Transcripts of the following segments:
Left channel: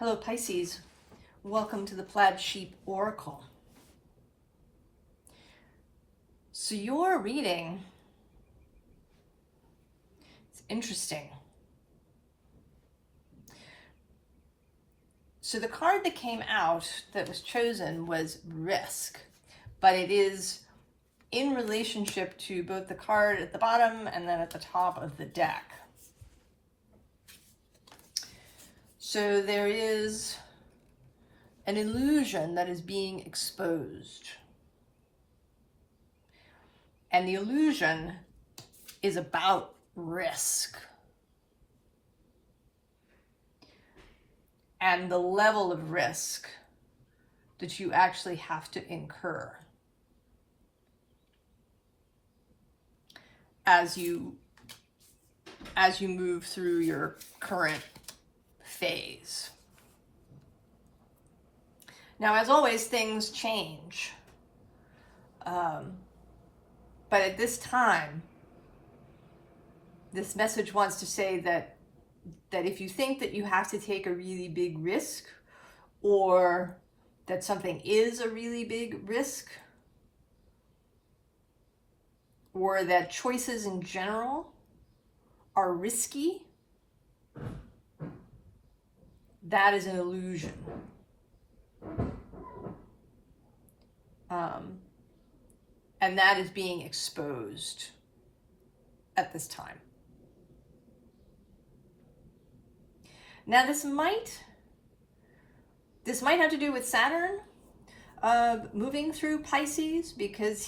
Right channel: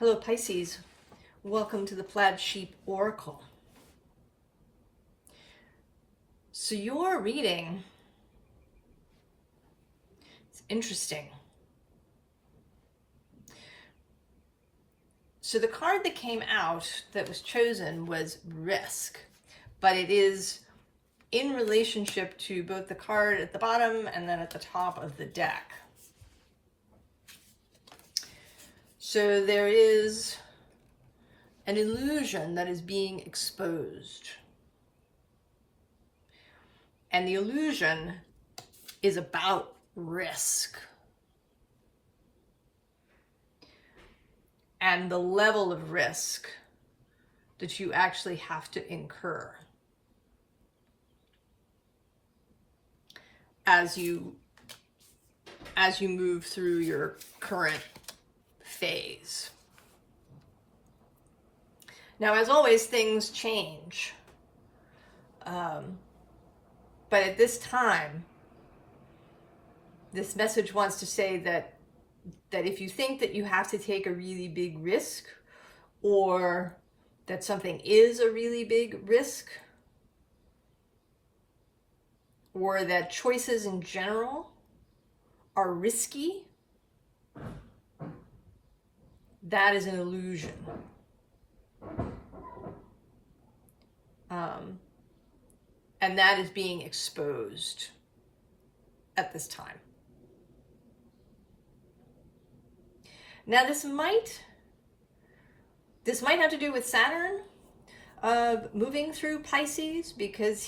Hello Pisces, welcome to the Plaid Sheep Oracle. So your reading, it's interesting. So the card that came out that was chosen was Risk, but it is in relationship to both the card at the bottom and then at the top of the deck. So there is an illusion that is being exposed. And the illusion is about risk. And the level of risk that you actually have to incur as you move through your current phase. Now, as always, things change. But at this time, this message wants to say that if you think that you have to take a really big risk, or that something is a really big risk, or that choices in general are risky, that is an illusion. And that is being exposed at this time. Now this might have to do with Saturn moving through Pisces, because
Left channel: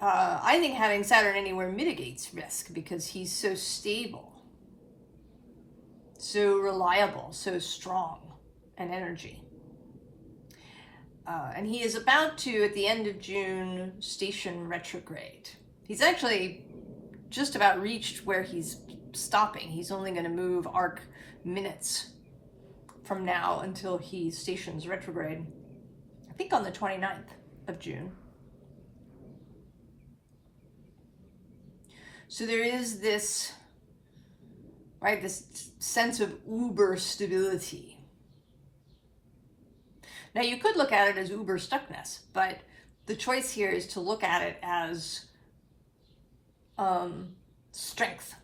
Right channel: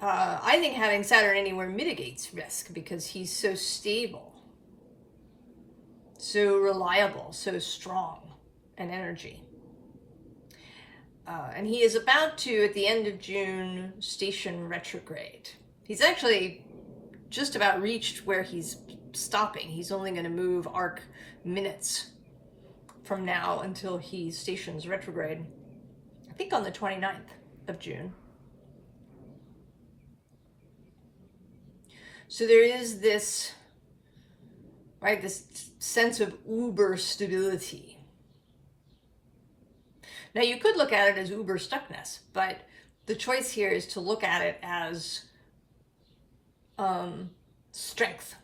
I think having Saturn anywhere mitigates risk, because he's so stable, so reliable, so strong in energy. And he is about to, at the end of June, station retrograde. He's actually just about reached where he's stopping. He's only going to move arc minutes from now until he stations retrograde, I think on the 29th of June. So there is this, right, this sense of uber stability. Now you could look at it as uber stuckness, but the choice here is to look at it as strength.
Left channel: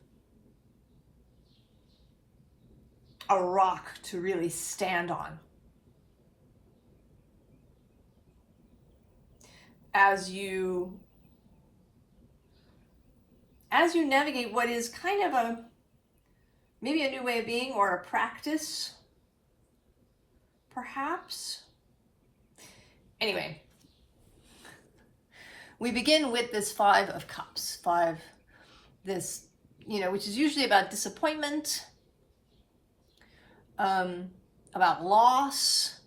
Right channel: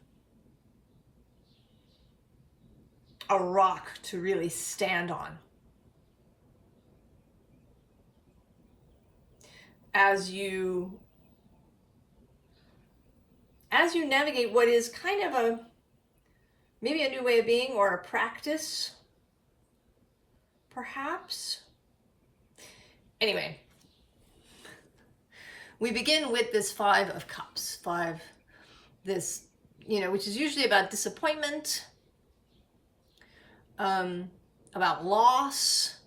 A rock to really stand on. As you navigate what is kind of maybe a new way of being, or a practice, perhaps. Anyway, we begin with this Five of Cups. This, which is usually about disappointment, about loss,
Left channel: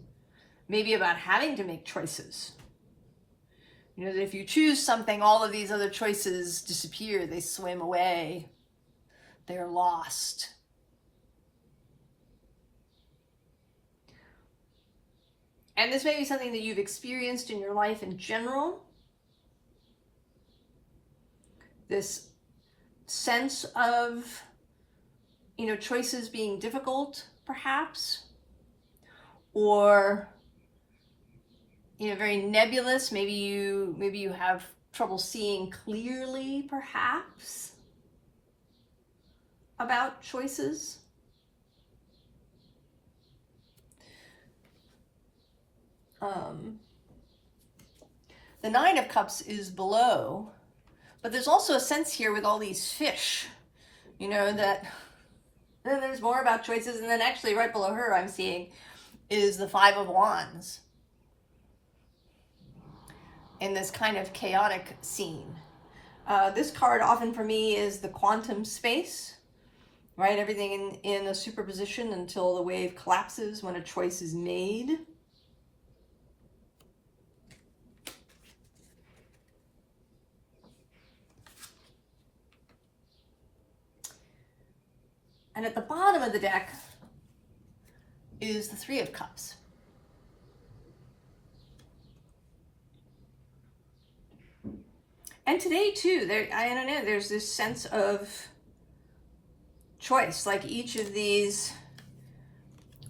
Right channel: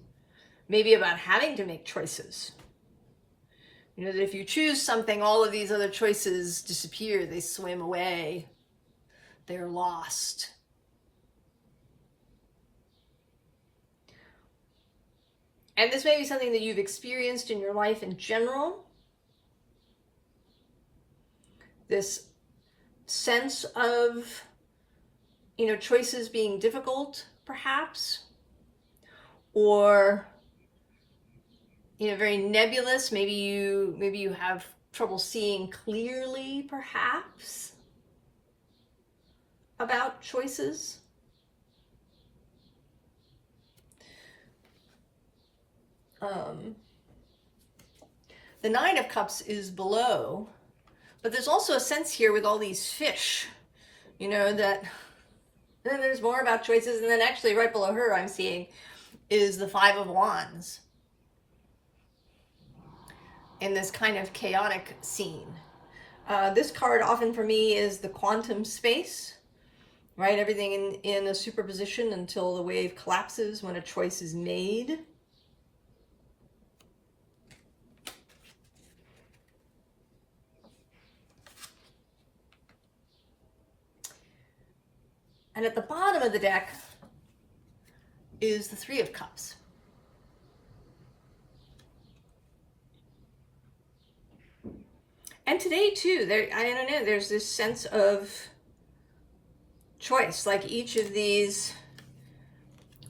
maybe about having to make choices. That if you choose something, all of these other choices disappear, they swim away, they're lost. And this may be something that you've experienced in your life in general. This sense of, choices being difficult, perhaps, or, very nebulous. Maybe you have trouble seeing clearly, perhaps, about choices. The Nine of Cups is below, but there's also a sense here with all these fish, that then there's more about choices. And then actually right below her I'm seeing is the Five of Wands in this kind of chaotic scene. This card often for me is the quantum space, right? Everything in a superposition until the wave collapses when a choice is made. And at the bottom of the deck is the Three of Cups. And today too, I don't know, there's this sense of choice, like each of these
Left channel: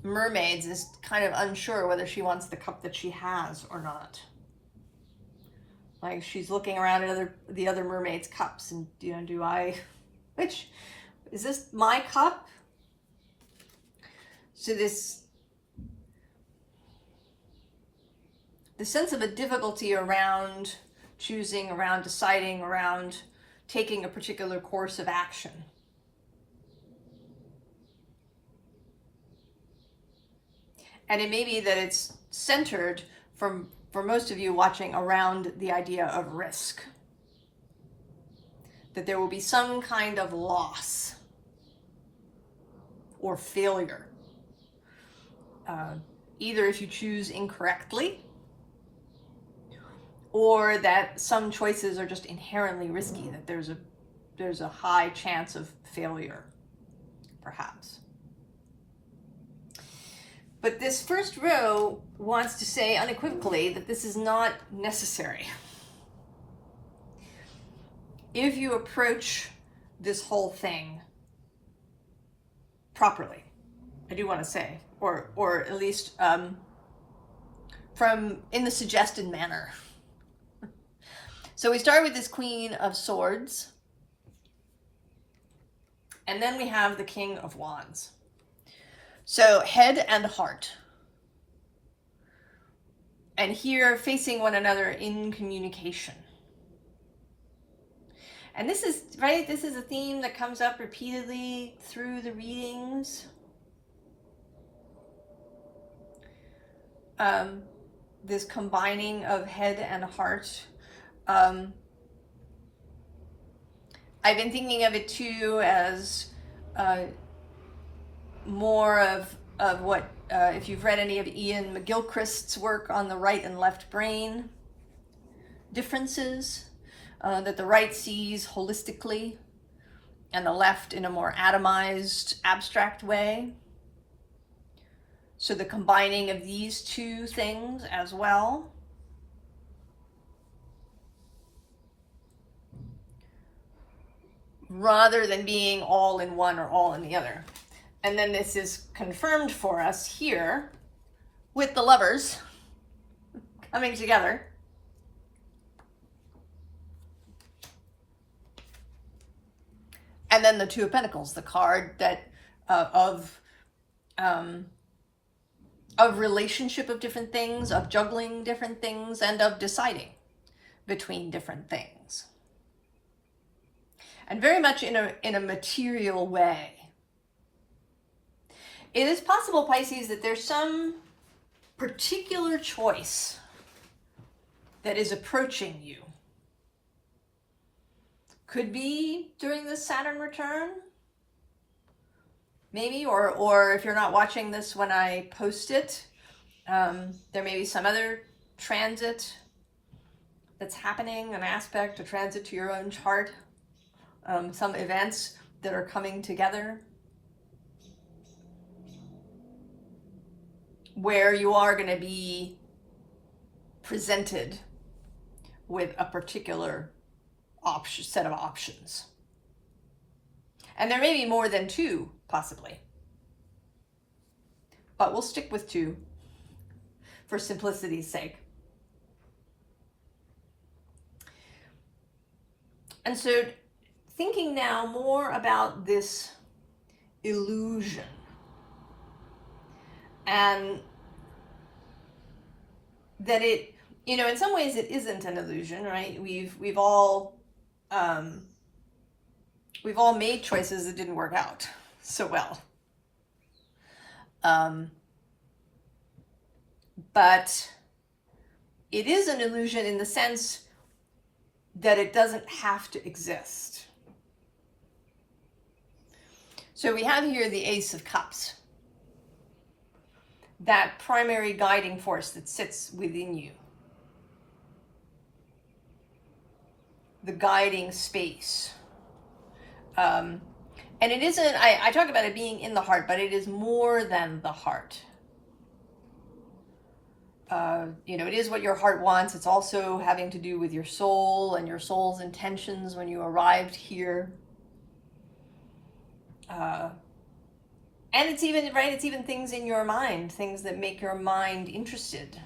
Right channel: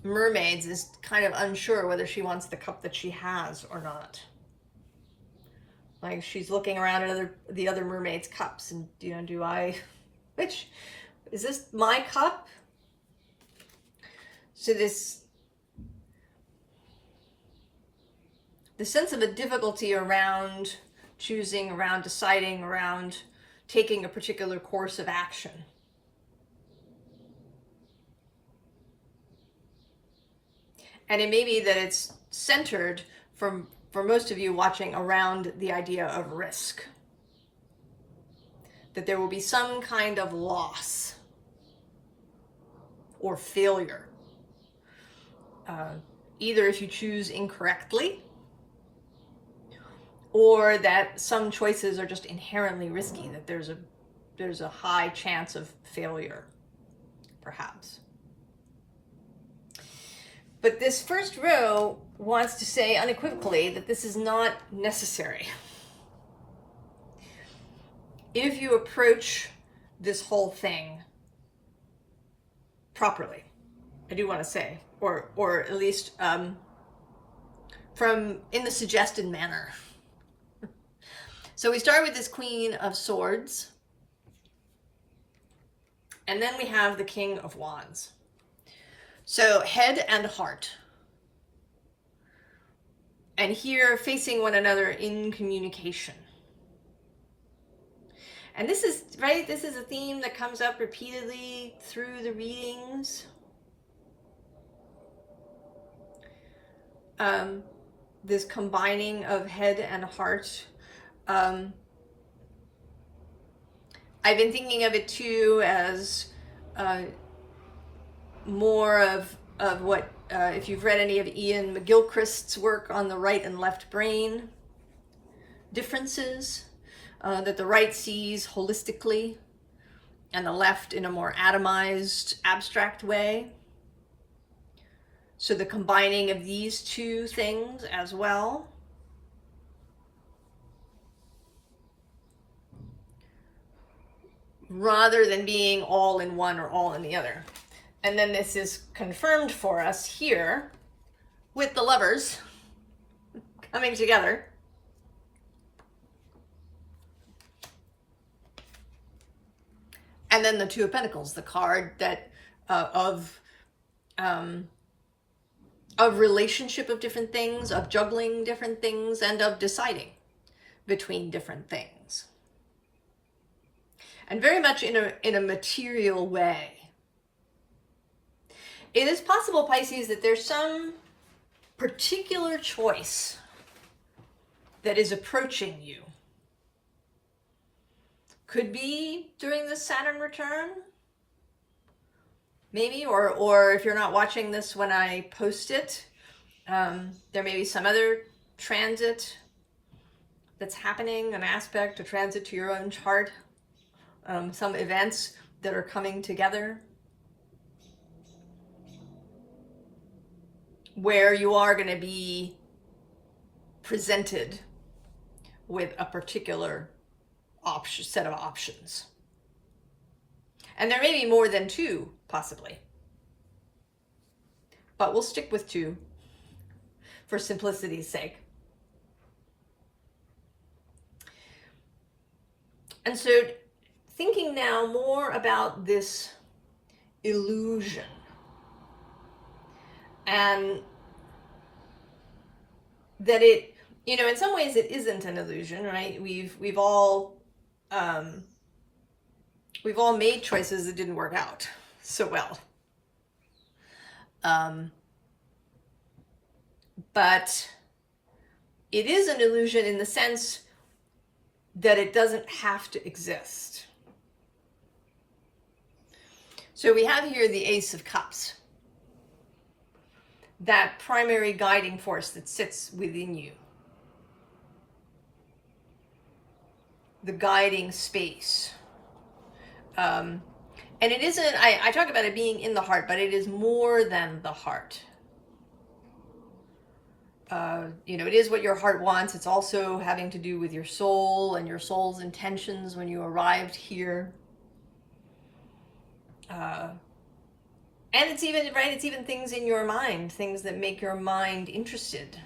mermaids is kind of unsure whether she wants the cup that she has or not. Like, she's looking around at the other mermaids' cups, and, you know, do I, which, is this my cup? So the sense of a difficulty around choosing, around deciding, around taking a particular course of action. And it may be that it's centered for most of you watching around the idea of risk. That there will be some kind of loss or failure. Either if you choose incorrectly, or that some choices are just inherently risky, that there's a high chance of failure, perhaps. But this first row wants to say unequivocally that this is not necessary. If you approach this whole thing properly, I do want to say, or at least from in the suggested manner. So we start with this Queen of Swords, and then we have the King of Wands. So head and heart. And here facing one another in communication. And this is, right, this is a theme that comes up repeatedly through the readings. This combining of head and heart. I've been thinking of it too as more of what, if you've read any of Ian McGilchrist's work on the right and left brain differences, that the right sees holistically and the left in a more atomized, abstract way. So the combining of these two things as well. Rather than being all in one or all in the other. And then this is confirmed for us here with the Lovers coming together. And then the Two of Pentacles, the card that of relationship of different things, of juggling different things, and of deciding between different things. And very much in a material way. It is possible, Pisces, that there's some particular choice that is approaching you. Could be during this Saturn return, maybe, or if you're not watching this when I post it, there may be some other transit that's happening, an aspect, a transit to your own chart, some events that are coming together where you are going to be presented with a particular set of options. And there may be more than two, possibly. But we'll stick with two for simplicity's sake. And so thinking now more about this illusion, and that it, you know, in some ways it isn't an illusion, right? We've all made choices that didn't work out so well. But it is an illusion in the sense that it doesn't have to exist. So we have here the Ace of Cups, that primary guiding force that sits within you, the guiding space. And it isn't, I talk about it being in the heart, but it is more than the heart. You know, it is what your heart wants. It's also having to do with your soul and your soul's intentions when you arrived here. And it's even, right, it's even things in your mind, things that make your mind interested,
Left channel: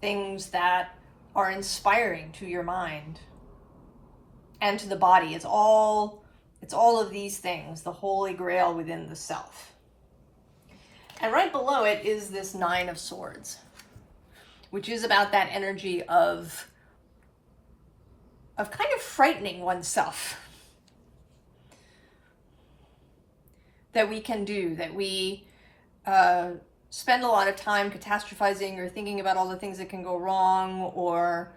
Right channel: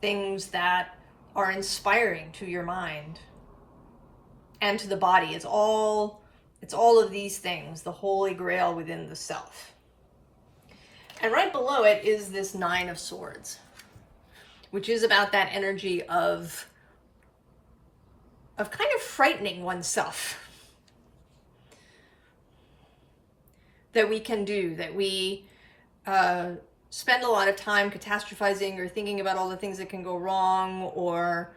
things that are inspiring to your mind and to the body. It's all of these things, the holy grail within the self. And right below it is this Nine of Swords, which is about that energy of kind of frightening oneself. That we can do, that we spend a lot of time catastrophizing or thinking about all the things that can go wrong, or,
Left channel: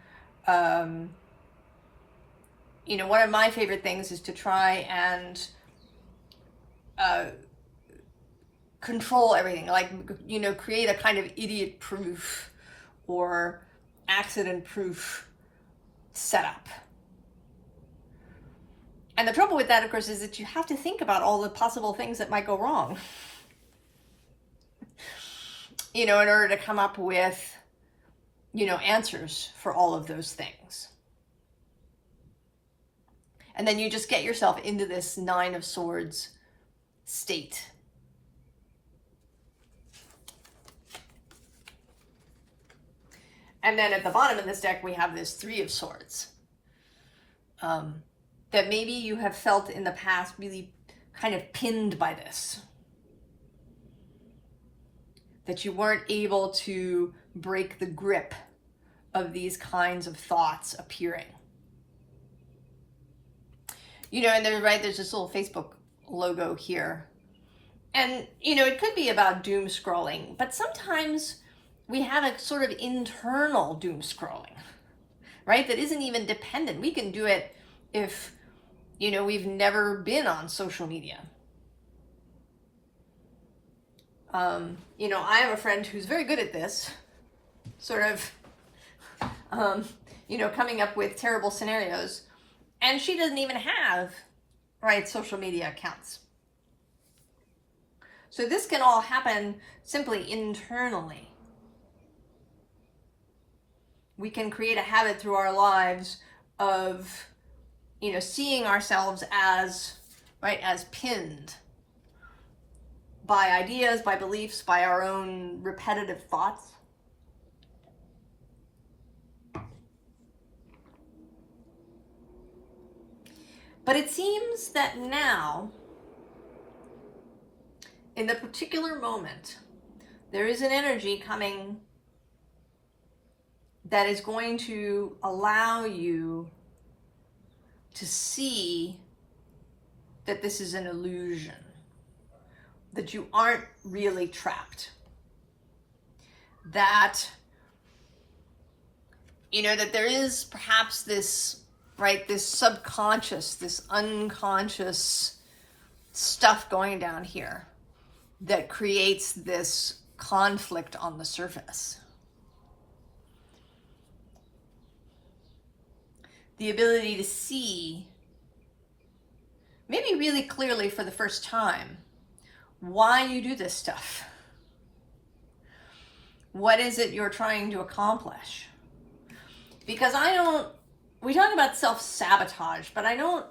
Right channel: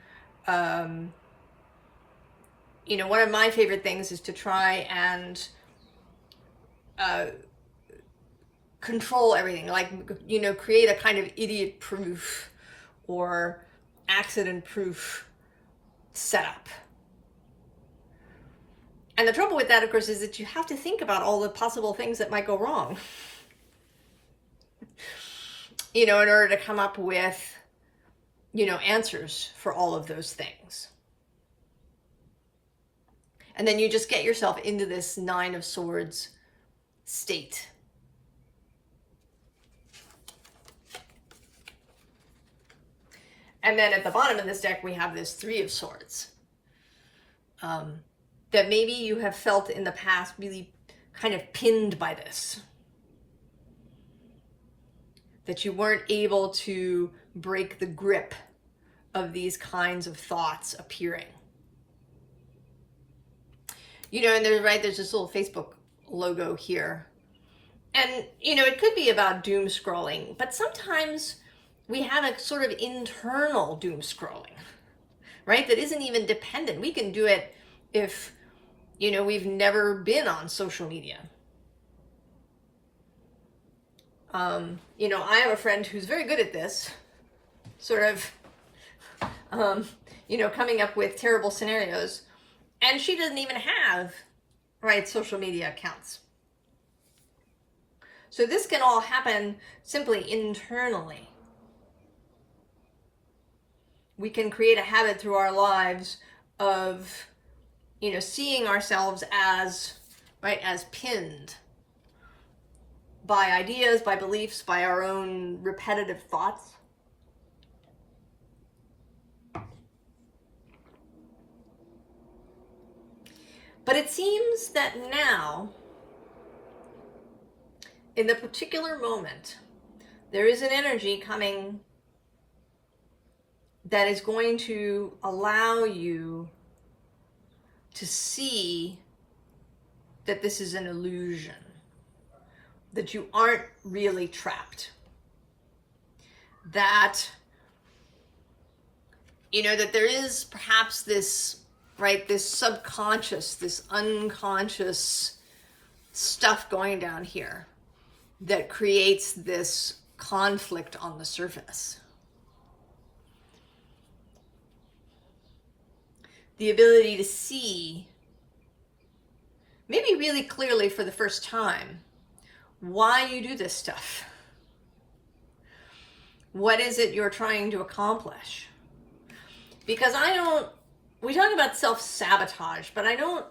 you know, one of my favorite things is to try and control everything, like, you know, create a kind of idiot-proof or accident-proof setup. And the trouble with that, of course, is that you have to think about all the possible things that might go wrong, you know, in order to come up with, you know, answers for all of those things. And then you just get yourself into this Nine of Swords state. And then at the bottom of this deck, we have this Three of Swords. That maybe you have felt in the past really kind of pinned by this. That you weren't able to break the grip of these kinds of thoughts appearing. You know, and there's this little Facebook logo here. And, you know, it could be about doom scrolling, but sometimes we have a sort of internal doom scrolling, right? That isn't even dependent. We can do it if, you know, we've never been on social media. You know, I have a friend who's very good at this, sort of, you know, coming up with terrible scenarios, and she doesn't even have, right, social media accounts. So this can all happen simply internally. We can create a habit through our lives of, you know, seeing ourselves as, right, as pinned by ideas, by beliefs, by our own repetitive thoughts. But it seems that now, in the particular moment, there is an energy coming that is going to allow you to see that this is an illusion, that you aren't really trapped, that, you know, that there is perhaps this, right, this subconscious, this unconscious stuff going down here that creates this conflict on the surface. The ability to see, maybe really clearly for the first time, why you do this stuff. What is it you're trying to accomplish? Because we talk about self-sabotage, but I don't,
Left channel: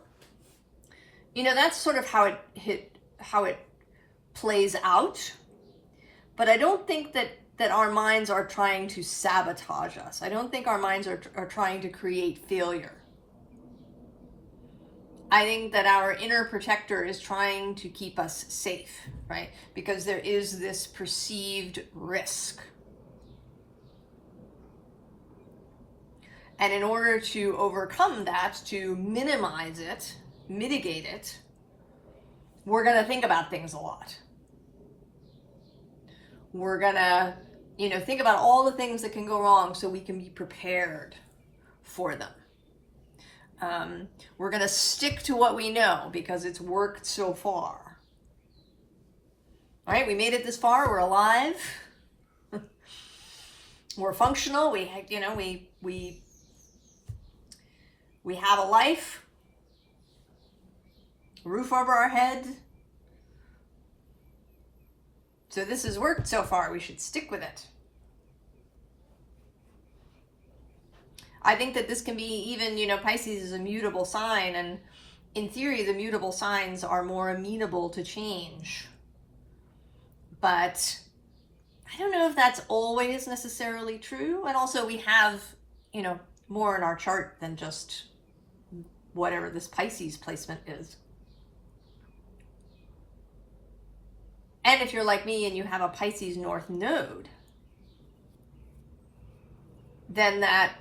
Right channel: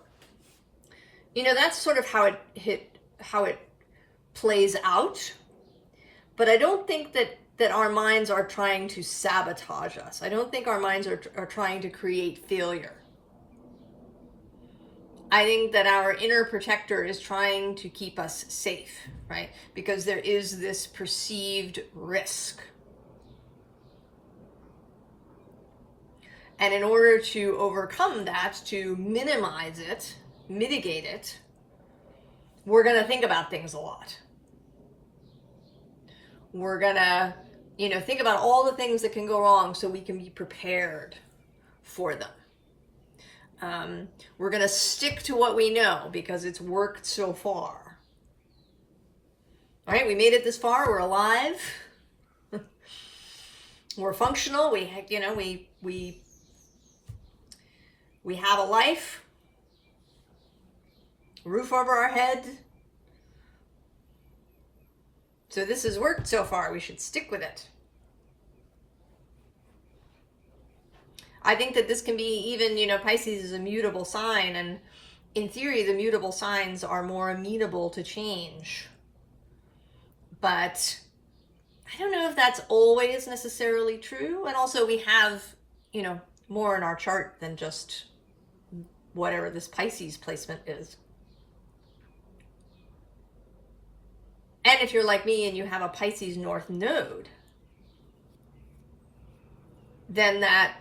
you know, that's sort of how it plays out. But I don't think that our minds are trying to sabotage us. I don't think our minds are trying to create failure. I think that our inner protector is trying to keep us safe, right? Because there is this perceived risk. And in order to overcome that, to minimize it, mitigate it, we're going to think about things a lot. We're going to, you know, think about all the things that can go wrong so we can be prepared for them. We're going to stick to what we know because it's worked so far. All right, we made it this far. We're alive. We're functional. We have a life, roof over our head. So this has worked so far. We should stick with it. I think that this can be even, you know, Pisces is a mutable sign, and, in theory, the mutable signs are more amenable to change. But I don't know if that's always necessarily true. And also we have, you know, more in our chart than just whatever this Pisces placement is. And if you're like me and you have a Pisces North node, then that,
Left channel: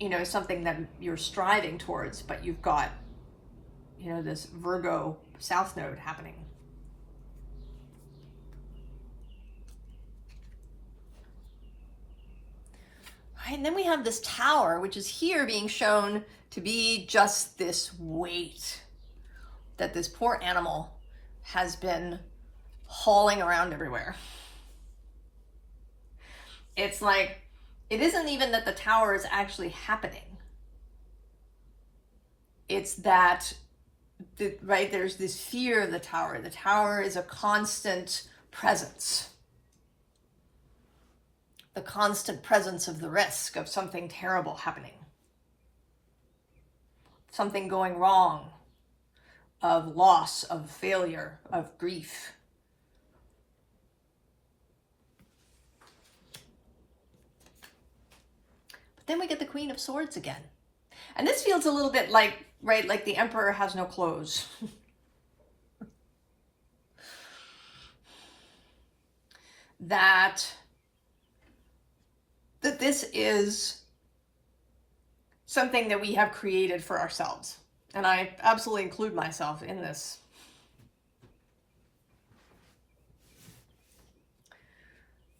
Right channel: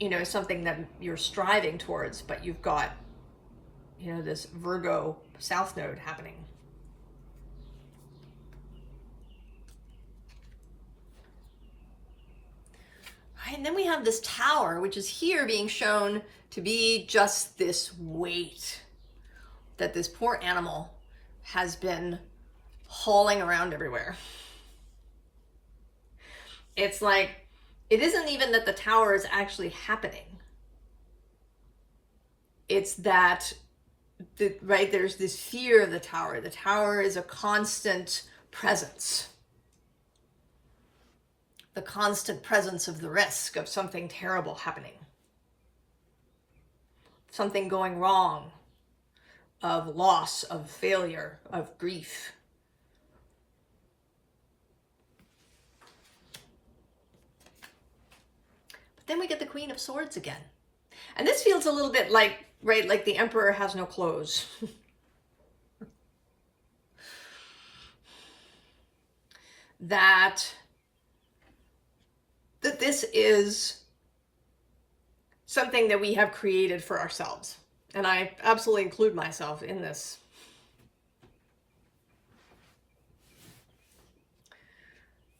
you know, is something that you're striving towards, but you've got, you know, this Virgo South node happening. Right, and then we have this Tower, which is here being shown to be just this weight that this poor animal has been hauling around everywhere. It's like, it isn't even that the Tower is actually happening. It's that, right, there's this fear of the Tower. The Tower is a constant presence. The constant presence of the risk of something terrible happening. Something going wrong, of loss, of failure, of grief. But then we get the Queen of Swords again. And this feels a little bit like, right, like the Emperor has no clothes. that this is something that we have created for ourselves. And I absolutely include myself in this.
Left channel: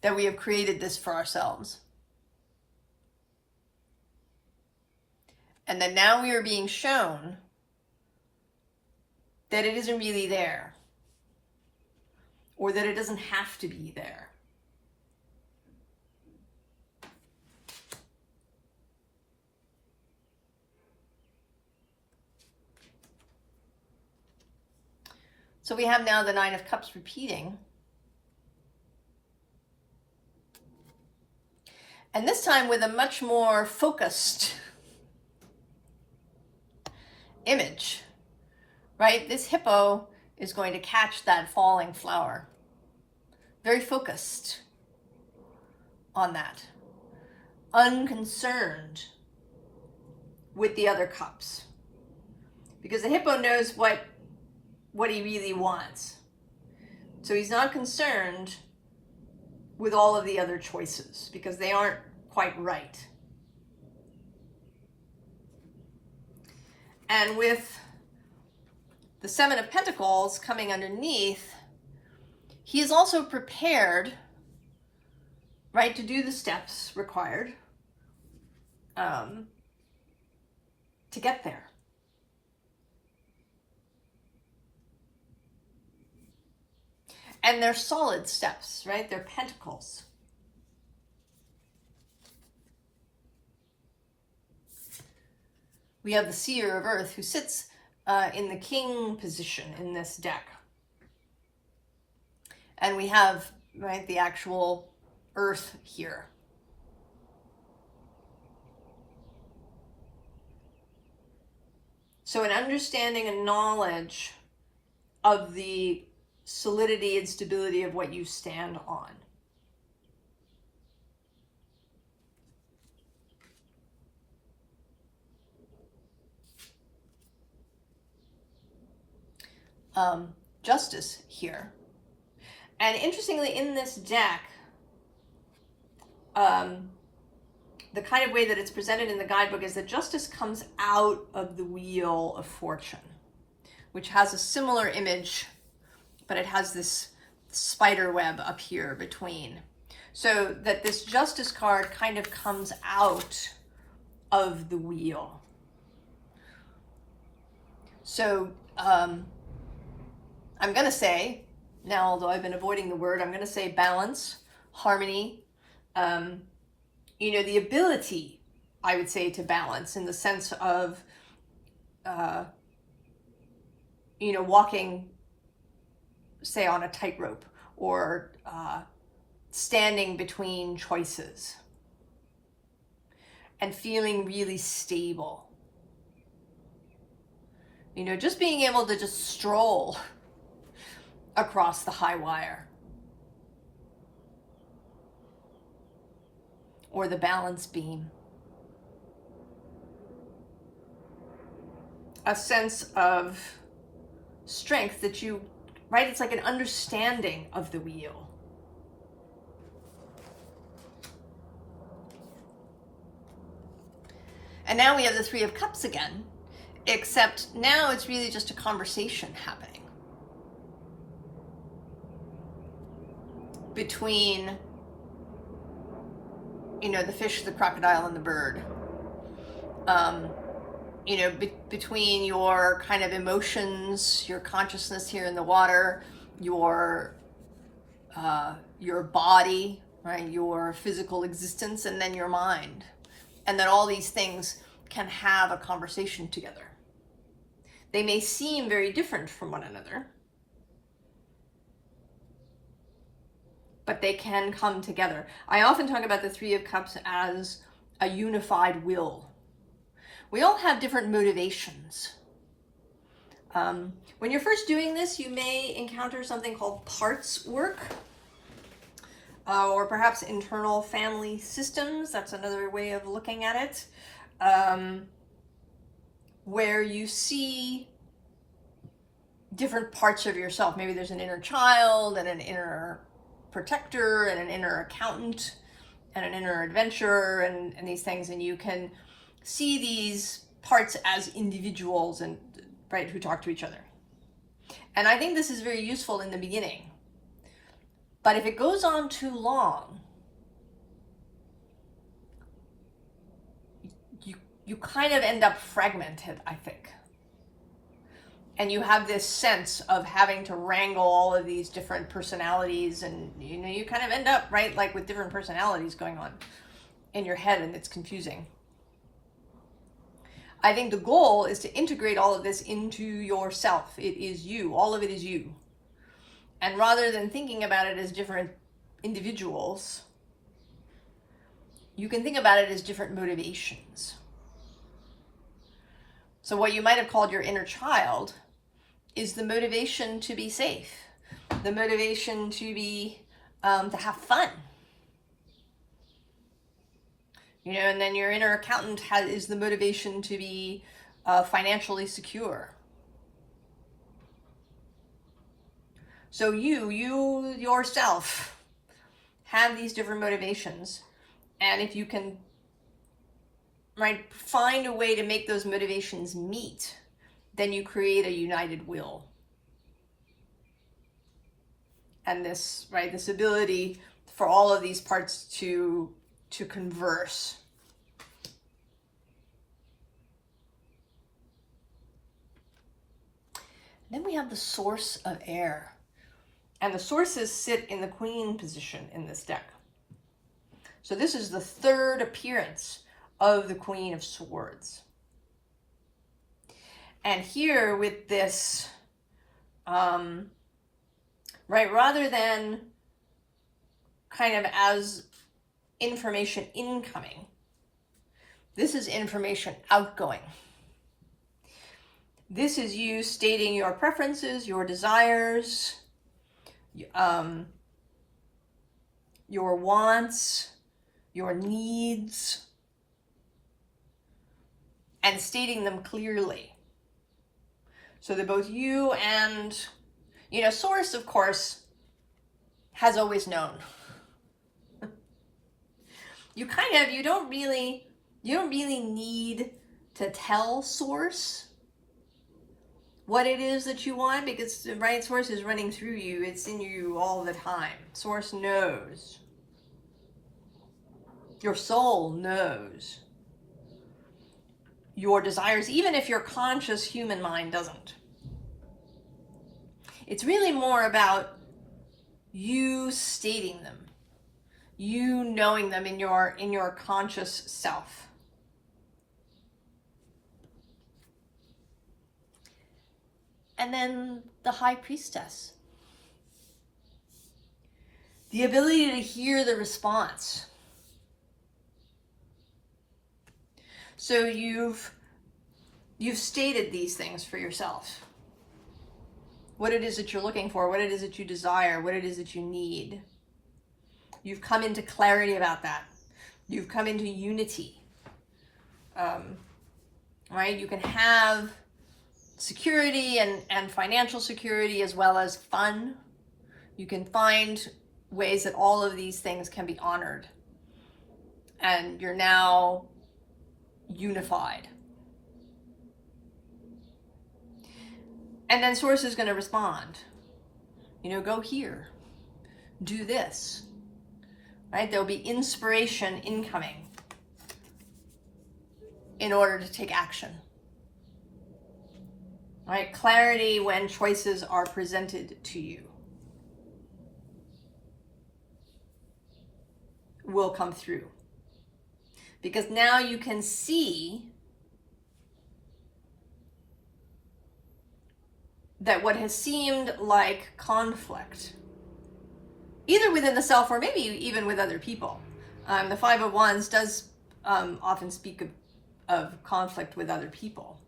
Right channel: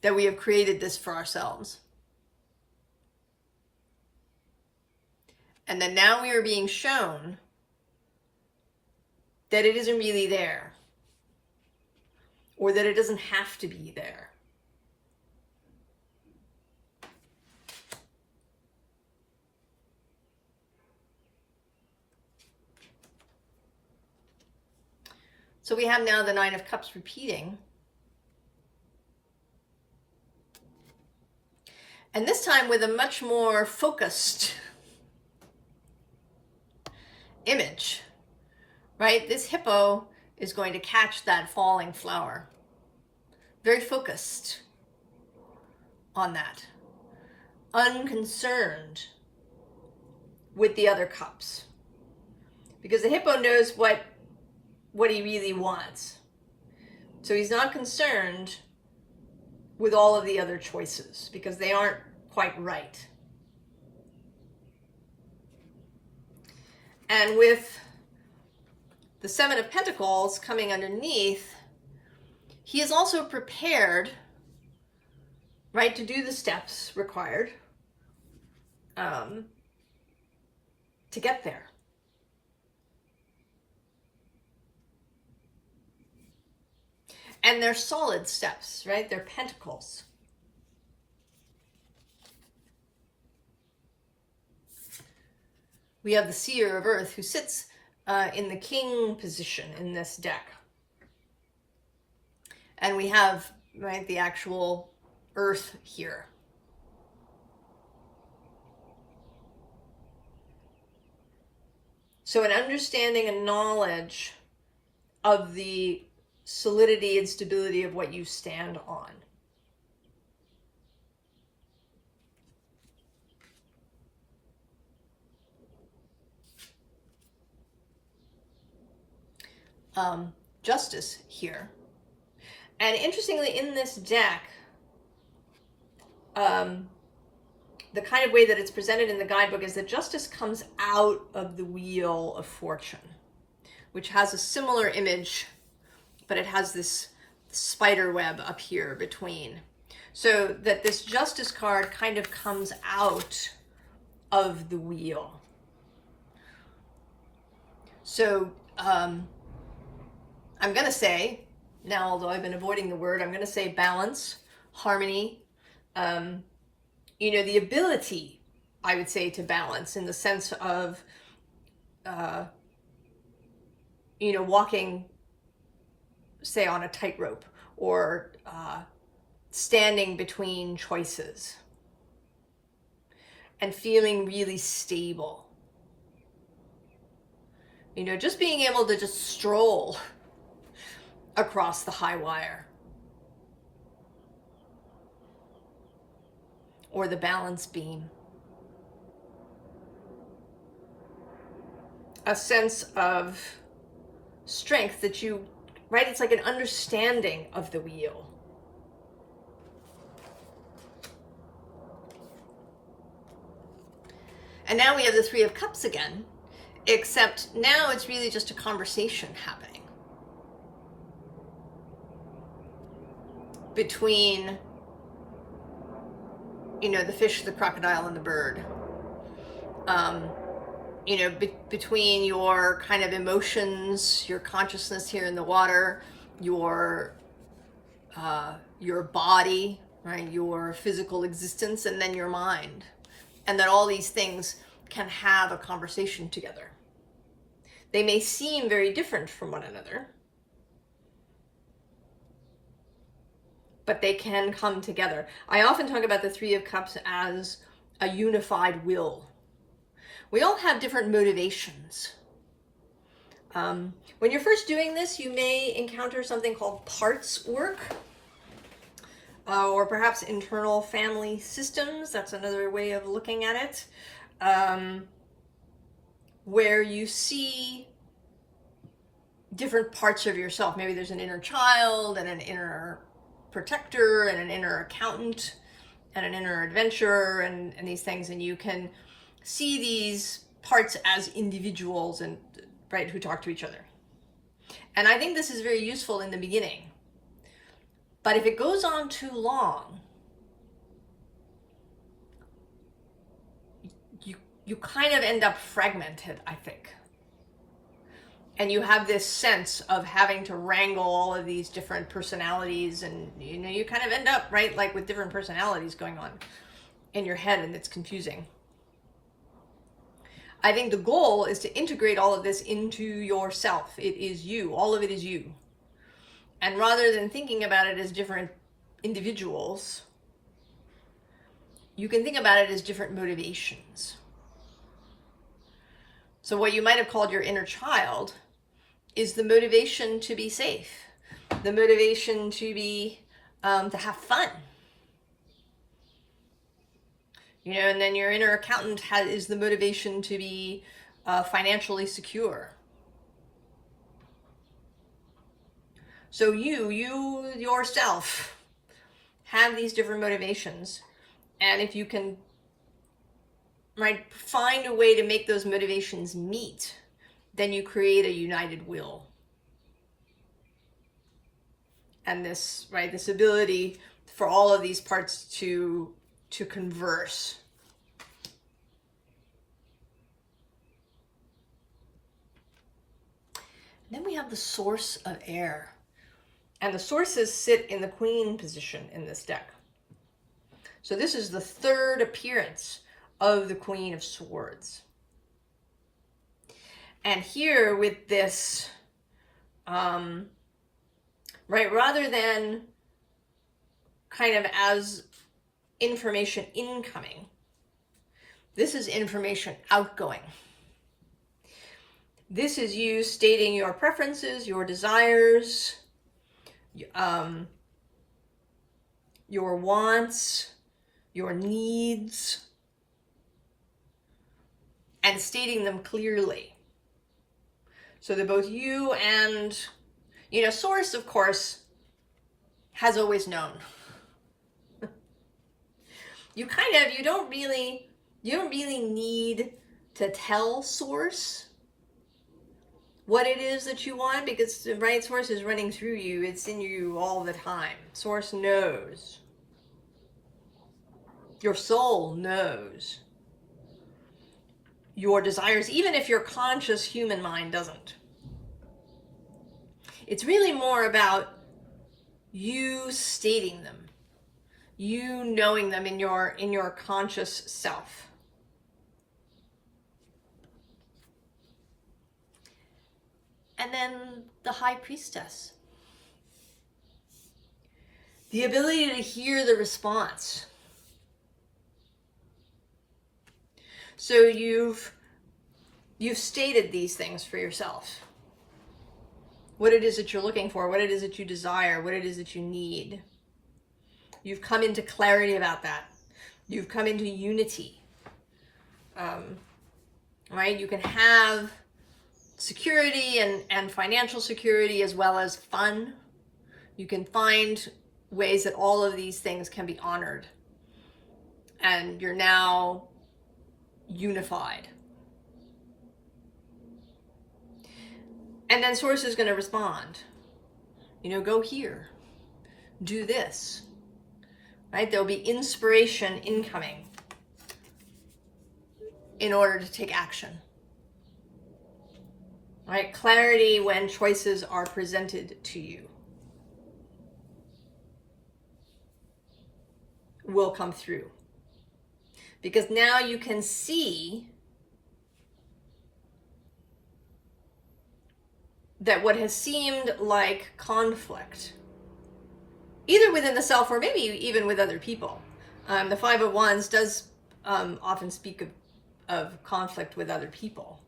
That we have created this for ourselves. And that now we are being shown that it isn't really there. Or that it doesn't have to be there. So we have now the Nine of Cups repeating. And this time with a much more focused image, right? This hippo is going to catch that falling flower. Very focused on that. Unconcerned with the other cups. Because the hippo knows what he really wants. So he's not concerned with all of the other choices because they aren't quite right. And with the Seven of Pentacles coming underneath, he is also prepared, right, to do the steps required to get there. And they're solid steps, right? They're pentacles. We have the Seer of Earth who sits in the King position in this deck. And we have, right, the actual Earth here. So an understanding and knowledge of the solidity and stability of what you stand on. Justice here. And interestingly, in this deck, the kind of way that it's presented in the guidebook is that Justice comes out of the Wheel of Fortune, which has a similar image, but it has this spider web up here between. So that this Justice card kind of comes out of the wheel. So I'm going to say, now although I've been avoiding the word, I'm going to say balance, harmony, you know, the ability, I would say, to balance in the sense of, you know, walking, say, on a tightrope, or standing between choices and feeling really stable. You know, just being able to just stroll across the high wire or the balance beam. A sense of strength that you, right? It's like an understanding of the wheel. And now we have the Three of Cups again, except now it's really just a conversation happening between, you know, the fish, the crocodile, and the bird. You know, between your kind of emotions, your consciousness here in the water, your body, right, your physical existence, and then your mind. And that all these things can have a conversation together. They may seem very different from one another, but they can come together. I often talk about the Three of Cups as a unified will. We all have different motivations. When you're first doing this, you may encounter something called parts work, or perhaps internal family systems. That's another way of looking at it, where you see different parts of yourself. Maybe there's an inner child and an inner protector and an inner accountant and an inner adventurer and these things, and you can see these parts as individuals and, right, who talk to each other. And I think this is very useful in the beginning. But if it goes on too long, you kind of end up fragmented, I think. And you have this sense of having to wrangle all of these different personalities, and you know, you kind of end up, right, like with different personalities going on in your head, and it's confusing. I think the goal is to integrate all of this into yourself. It is you. All of it is you. And rather than thinking about it as different individuals, you can think about it as different motivations. So what you might have called your inner child is the motivation to be safe, the motivation to be, to have fun. You know, and then your inner accountant is the motivation to be financially secure. So you yourself have these different motivations, and if you can, right, find a way to make those motivations meet, then you create a united will. And this, right, this ability for all of these parts to converse. Then we have the source of air. And the sources sit in the queen position in this deck. So this is the third appearance of the Queen of Swords. And here with this, right, rather than kind of as information incoming, this is information outgoing. This is you stating your preferences, your desires, your wants, your needs, and stating them clearly. So that both you and, you know, Source, of course, has always known. You don't really need to tell Source what it is that you want, because the right Source is running through you. It's in you all the time. Source knows. Your soul knows your desires, even if your conscious human mind doesn't. It's really more about you stating them, you knowing them in your conscious self. And then the High Priestess. The ability to hear the response. So you've you've stated these things for yourself. What it is that you're looking for, what it is that you desire, what it is that you need. You've come into clarity about that. You've come into unity. Right? You can have security and financial security as well as fun. You can find ways that all of these things can be honored. And you're now unified. And then Source is going to respond. You know, go here. Do this. Right? There'll be inspiration incoming in order to take action. Right? Clarity when choices are presented to you will come through. Because now you can see that what has seemed like conflict, either within the self or maybe even with other people. The Five of Wands does often speak of conflict with other people.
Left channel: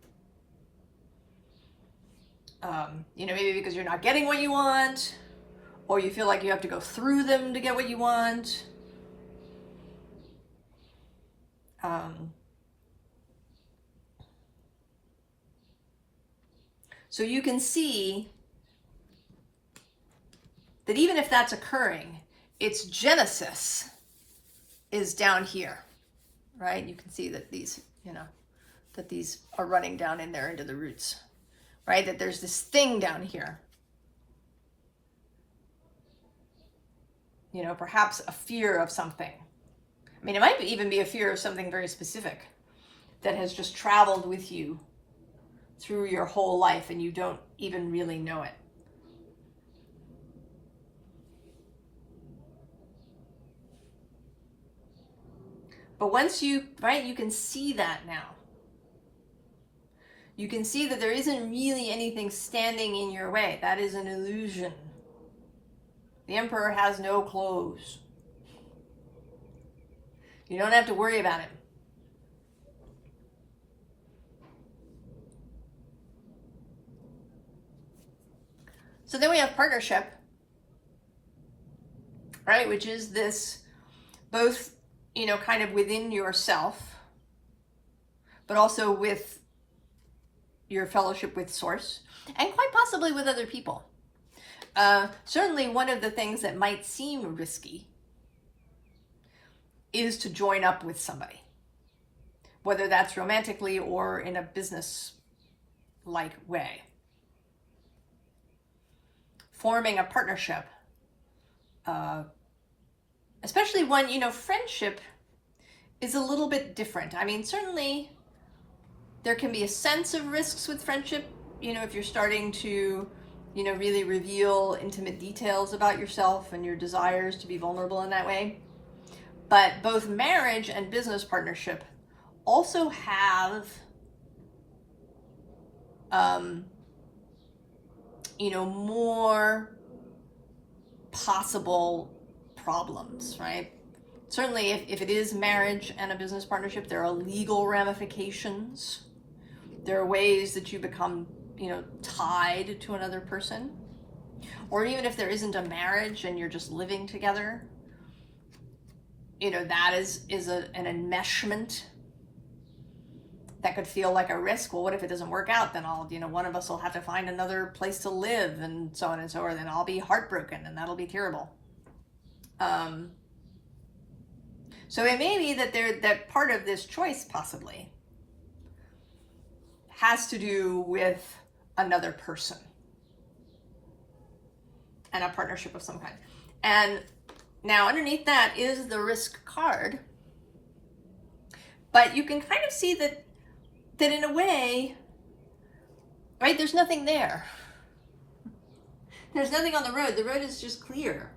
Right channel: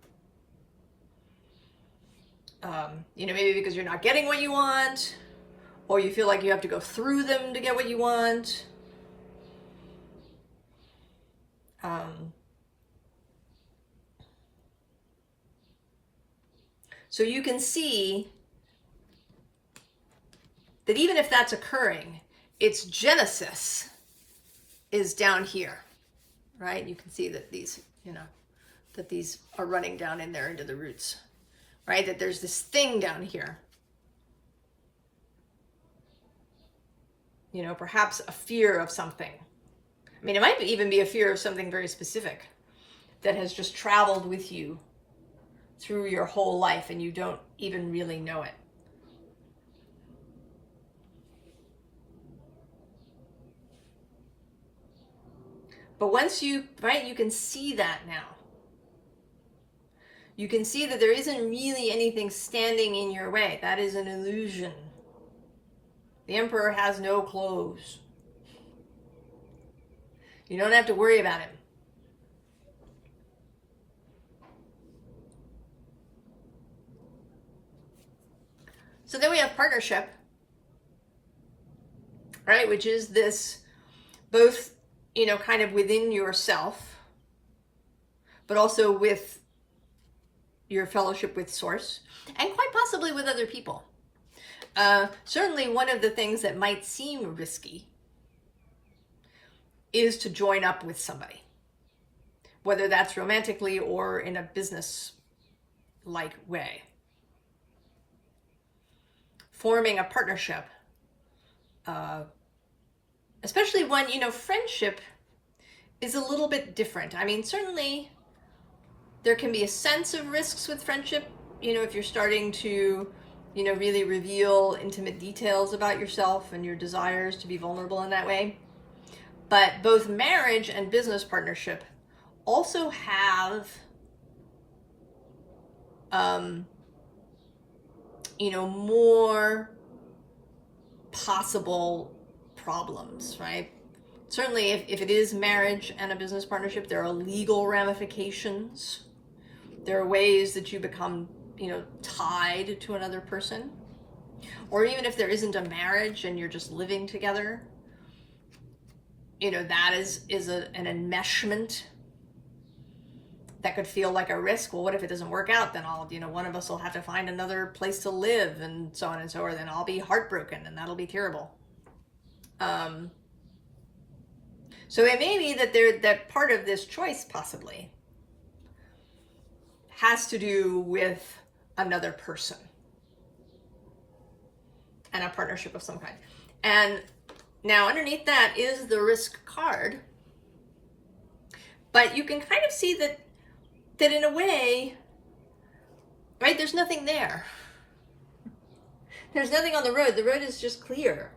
You know, maybe because you're not getting what you want, or you feel like you have to go through them to get what you want. So you can see that even if that's occurring, its genesis is down here, right? You can see that these, you know, that these are running down in there into the roots, right? That there's this thing down here. You know, perhaps a fear of something. I mean, it might even be a fear of something very specific that has just traveled with you through your whole life and you don't even really know it. But once you, right, you can see that now. You can see that there isn't really anything standing in your way. That is an illusion. The Emperor has no clothes. You don't have to worry about him. So then we have partnership, right? Which is this both, you know, kind of within yourself, but also with your fellowship with Source, and quite possibly with other people. Certainly one of the things that might seem risky is to join up with somebody, whether that's romantically or in a business-like way. Forming a partnership, especially when, you know, friendship is a little bit different. I mean, certainly there can be a sense of risks with friendship, you know, if you're starting to, you know, really reveal intimate details about yourself and your desires to be vulnerable in that way. But both marriage and business partnership also have, you know, more possible problems, right? Certainly if it is marriage and a business partnership, there are legal ramifications. There are ways that you become, you know, tied to another person. Or even if there isn't a marriage and you're just living together, you know, that is an enmeshment that could feel like a risk. Well, what if it doesn't work out? Then I'll, you know, one of us will have to find another place to live and so on and so forth. Then I'll be heartbroken and that'll be terrible. So it may be that part of this choice possibly has to do with another person and a partnership of some kind. And now underneath that is the risk card. But you can kind of see that in a way, right, there's nothing there. There's nothing on the road. The road is just clear.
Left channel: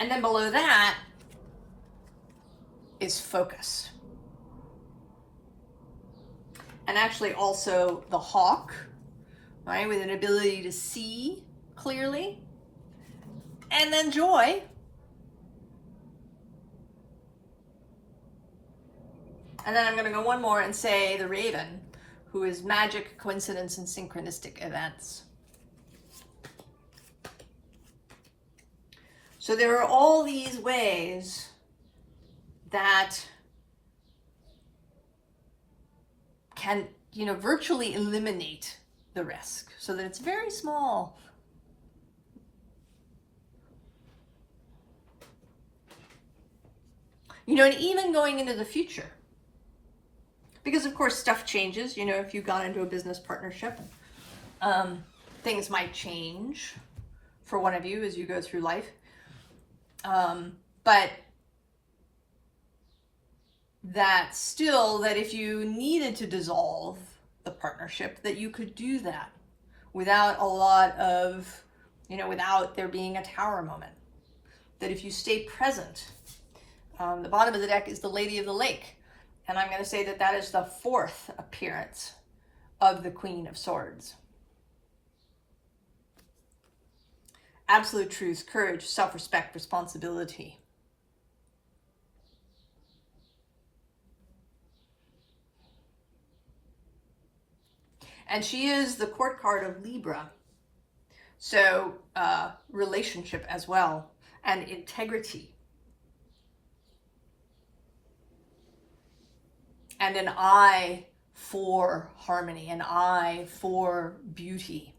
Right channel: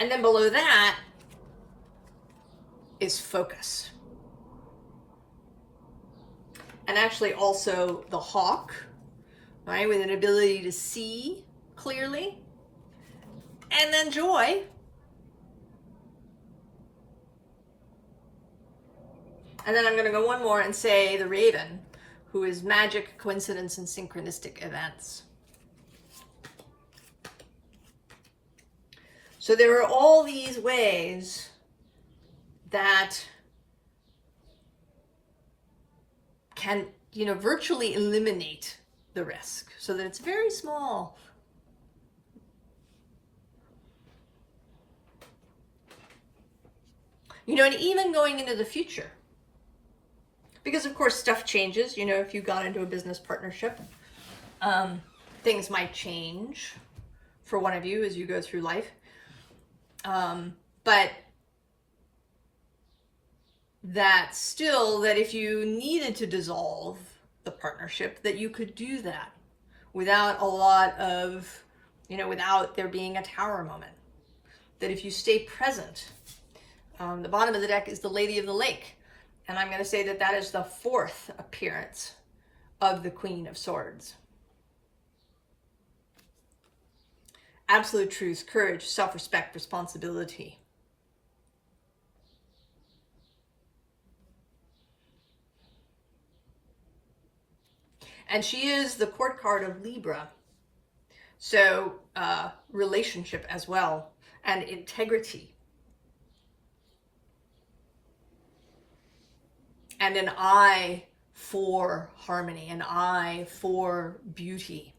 And then below that is focus. And actually also the hawk, right, with an ability to see clearly. And then joy. And then I'm going to go one more and say the Raven, who is magic, coincidence, and synchronistic events. So there are all these ways that can, virtually eliminate the risk so that it's very small. And even going into the future. Because of course stuff changes, if you got into a business partnership, things might change for one of you as you go through life. But that still, that if you needed to dissolve the partnership, that you could do that without a lot of, without there being a tower moment. That if you stay present, the bottom of the deck is the Lady of the Lake. And I'm going to say that that is the 4th appearance of the Queen of Swords. Absolute truth, courage, self-respect, responsibility. And she is the court card of Libra. So relationship as well, and integrity. And an eye for harmony, an eye for beauty.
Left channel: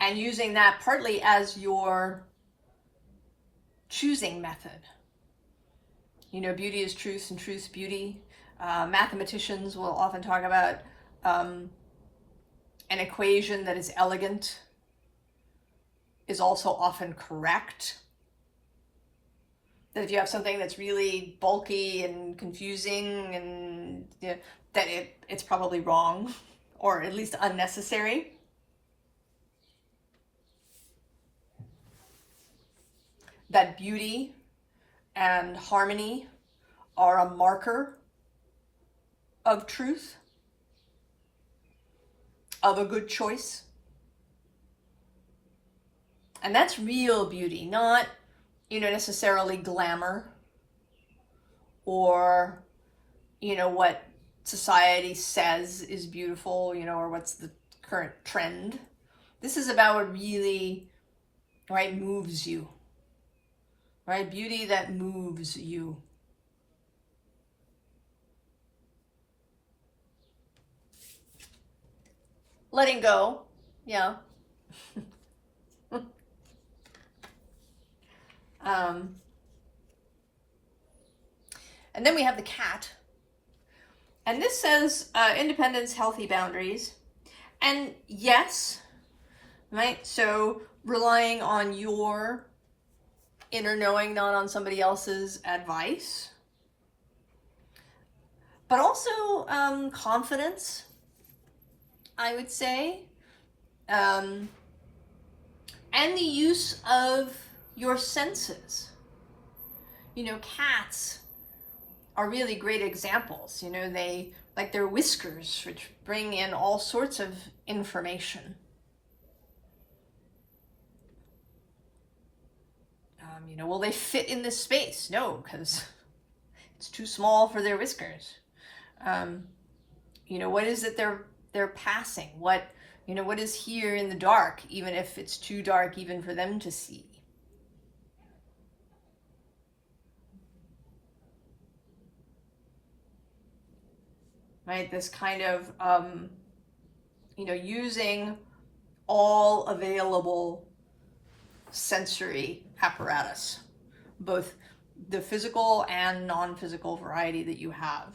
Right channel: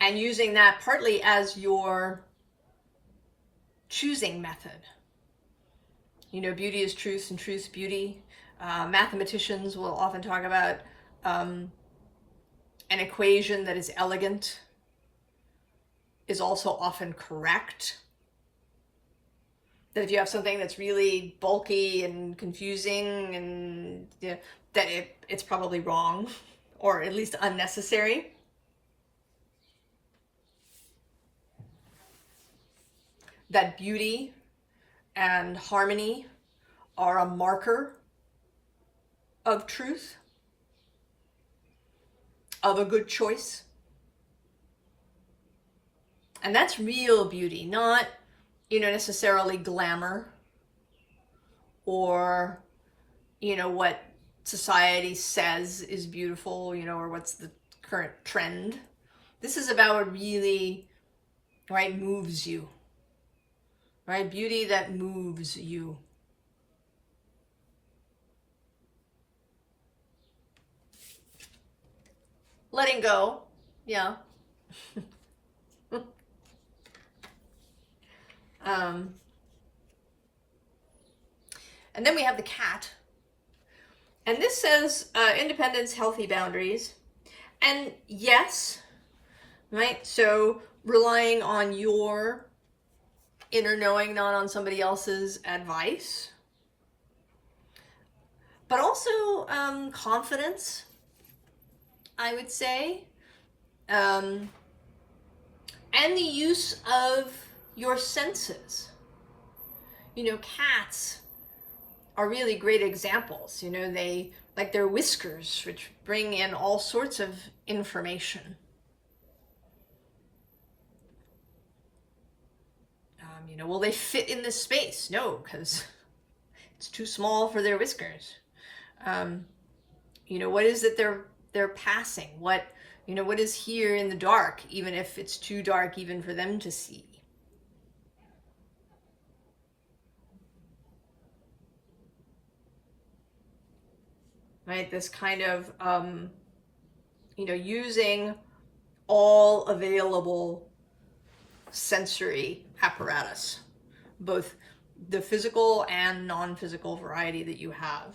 And using that partly as your choosing method. Beauty is truth and truth beauty. Mathematicians will often talk about an equation that is elegant is also often correct. That if you have something that's really bulky and confusing, and that it's probably wrong, or at least unnecessary. That beauty and harmony are a marker of truth, of a good choice. And that's real beauty, not necessarily glamour or, what society says is beautiful, or what's the current trend. This is about what really, moves you, Beauty that moves you. Letting go, yeah. And then we have the cat. And this says independence, healthy boundaries. And yes, so relying on your inner knowing, not on somebody else's advice. But also confidence, I would say. And the use of your senses. Cats are really great examples. They, like their whiskers, which bring in all sorts of information. Will they fit in this space? No, because it's too small for their whiskers. What is it they're passing? What is here in the dark, even if it's too dark even for them to see? This kind of, using all available sensory apparatus, both the physical and non-physical variety that you have.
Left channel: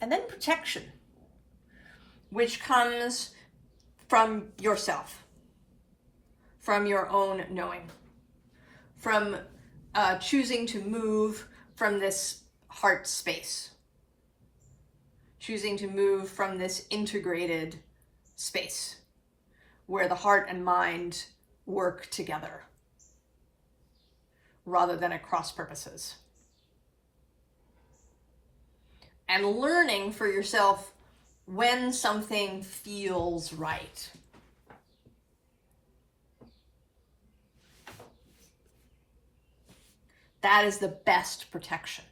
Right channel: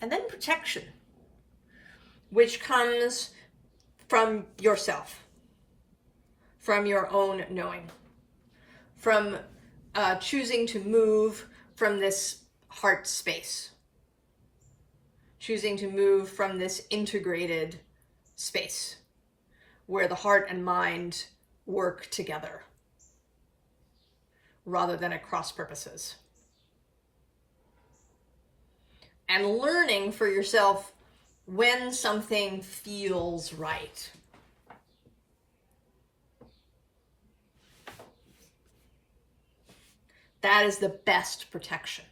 And then protection, which comes from yourself, from your own knowing, from choosing to move from this heart space, choosing to move from this integrated space where the heart and mind work together rather than at cross purposes. And learning for yourself when something feels right. That is the best protection.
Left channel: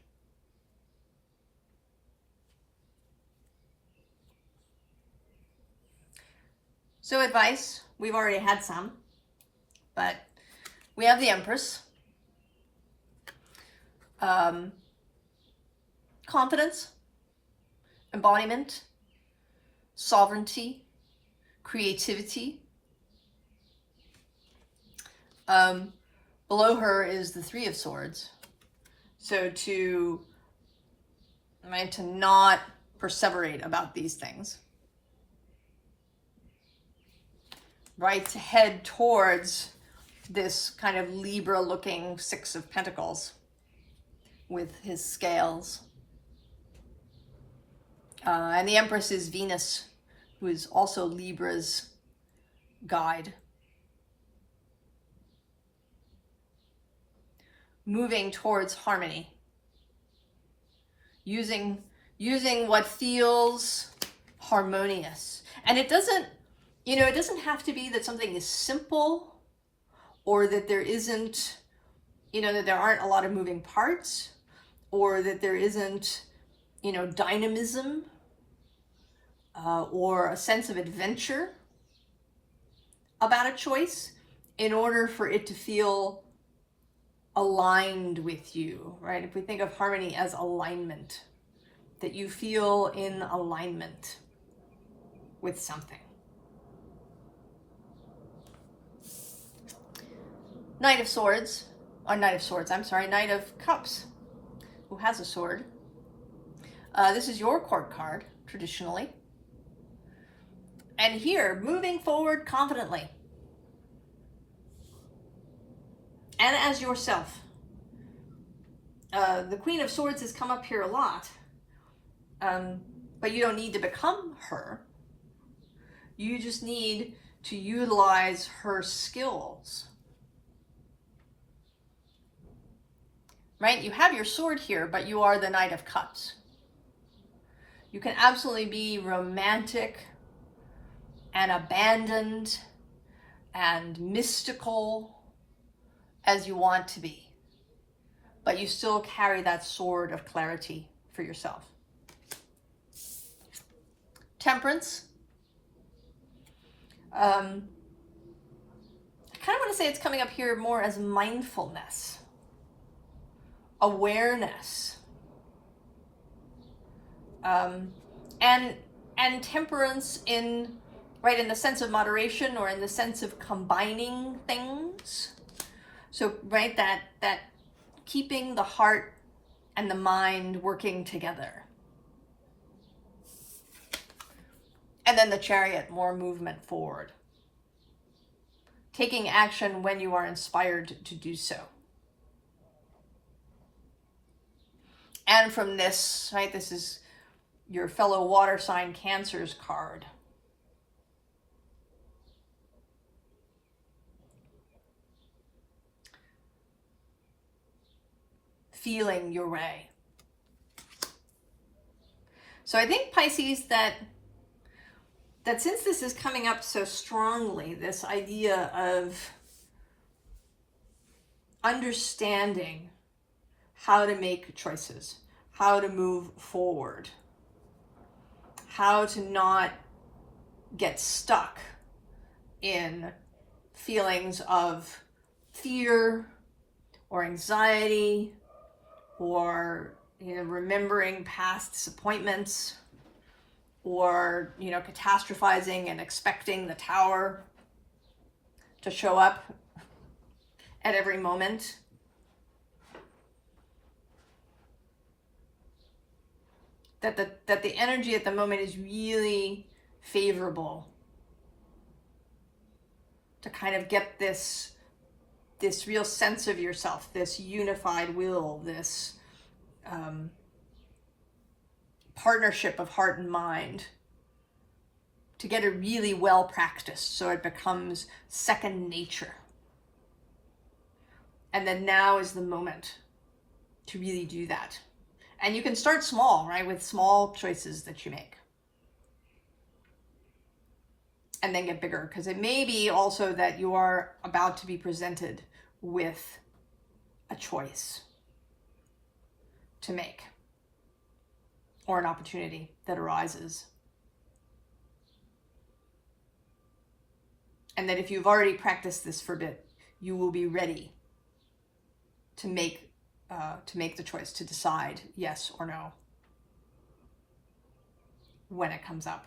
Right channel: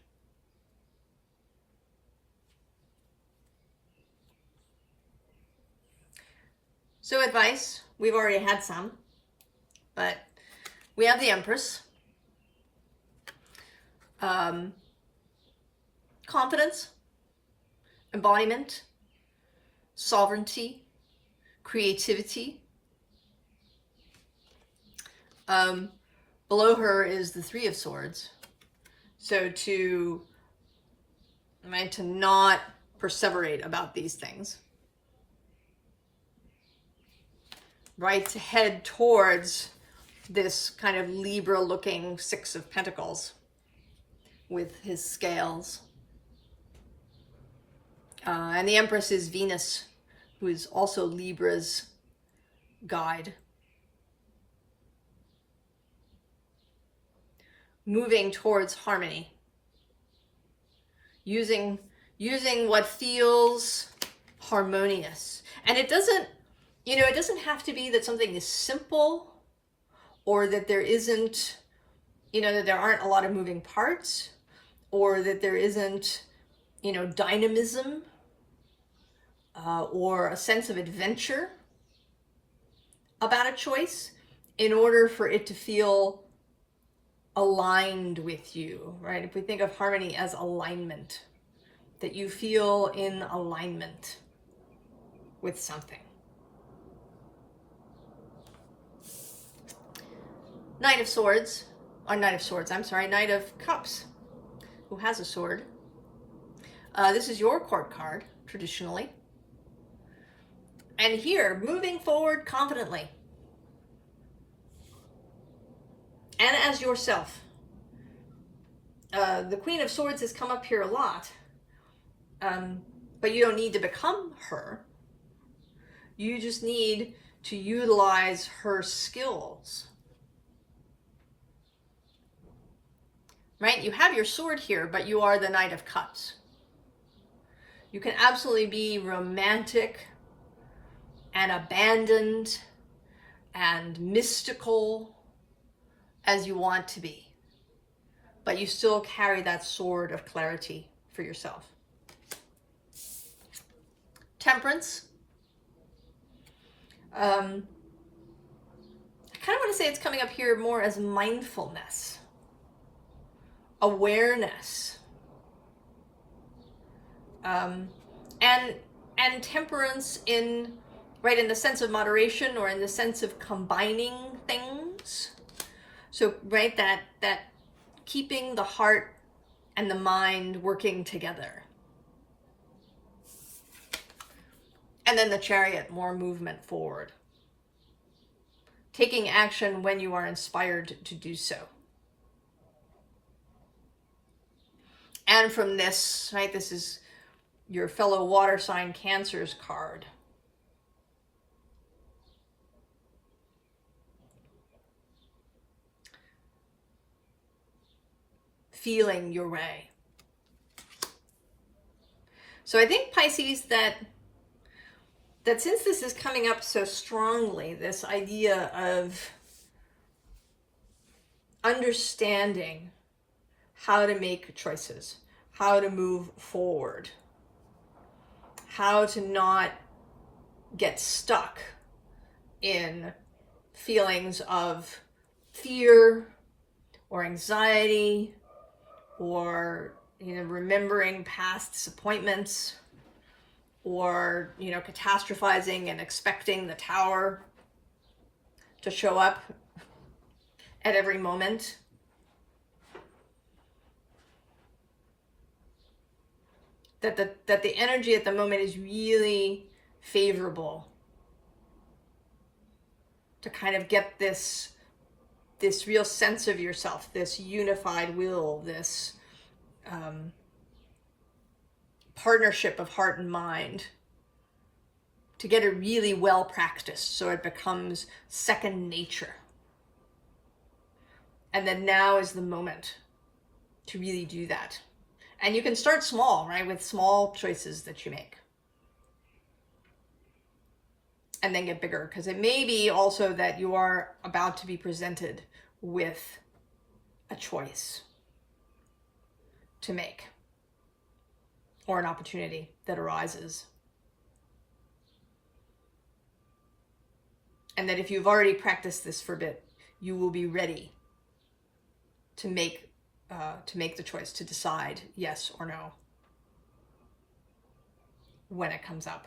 So advice, we've already had some, but we have the Empress. Confidence, embodiment, sovereignty, creativity. Below her is the Three of Swords. So to not perseverate about these things. Right, to head towards this kind of Libra-looking Six of Pentacles with his scales. And the Empress is Venus, who is also Libra's guide. Moving towards harmony. Using what feels harmonious. And it doesn't, it doesn't have to be that something is simple or that there isn't, that there aren't a lot of moving parts or that there isn't, dynamism or a sense of adventure about a choice in order for it to feel aligned with you, right? If we think of harmony as alignment, that you feel in alignment with something. Knight of Cups, who has a sword. This is your court card, traditionally. And here, moving forward confidently. And as yourself. The Queen of Swords has come up here a lot. But you don't need to become her. You just need to utilize her skills. Right? You have your sword here, but you are the Knight of Cups. You can absolutely be romantic and abandoned and mystical as you want to be. But you still carry that sword of clarity for yourself. Temperance. I kind of want to say it's coming up here more as mindfulness. Awareness. And temperance in the sense of moderation or in the sense of combining things. So that keeping the heart and the mind working together. And then the Chariot, more movement forward. Taking action when you are inspired to do so. And from this, this is your fellow water sign Cancer's card. Feeling your way. So I think, Pisces, that since this is coming up so strongly, this idea of understanding how to make choices, how to move forward, how to not get stuck in feelings of fear or anxiety or remembering past disappointments or catastrophizing and expecting the tower to show up at every moment. That the energy at the moment is really favorable to kind of get this real sense of yourself, this unified will, this partnership of heart and mind, to get it really well practiced so it becomes second nature. And then now is the moment to really do that. And you can start small, with small choices that you make. And then get bigger, because it may be also that you are about to be presented with a choice. to make, or an opportunity that arises. And that if you've already practiced this for a bit, you will be ready to make the choice, to decide yes or no when it comes up.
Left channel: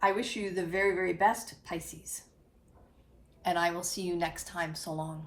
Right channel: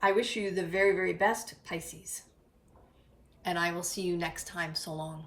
I wish you the very, very best, Pisces. And I will see you next time. So long.